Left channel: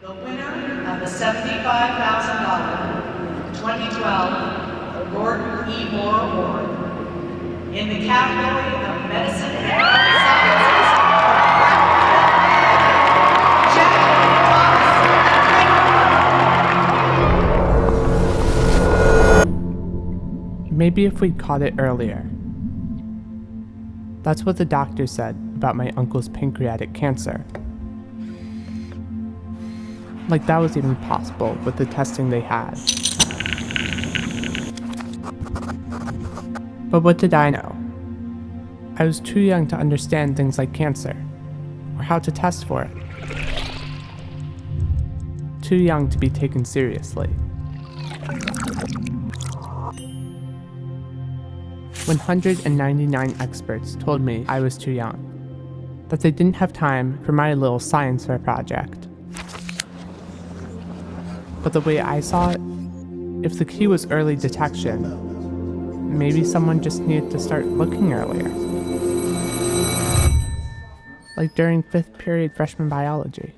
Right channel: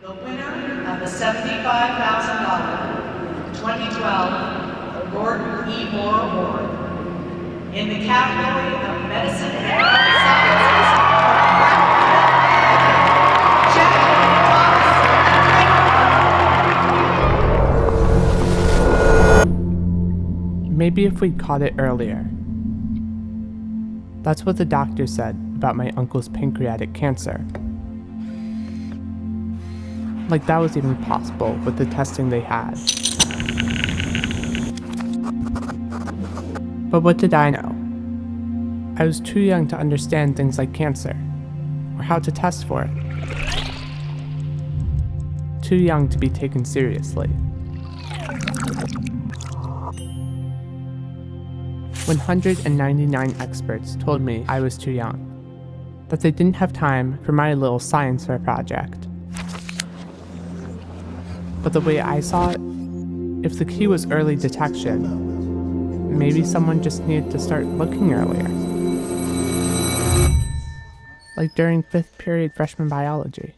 The winner of the $75,000 2012 Gordon E. Moore Award in the category of Medicine and Health Sciences for Jack Thomas. Maybe if we'd caught it earlier. That's what the doctor said about my uncle's pancreatic cancer. Like that was even possible with the testing they had. But what did I know? I was too young to understand things like cancer, or how to test for it. Too young to be taken seriously. 199 experts told me I was too young, that they didn't have time for my little science fair project. But the way I saw it, if the key was early detection, maybe someone just needed to start looking earlier. Like during 5th period freshman biology.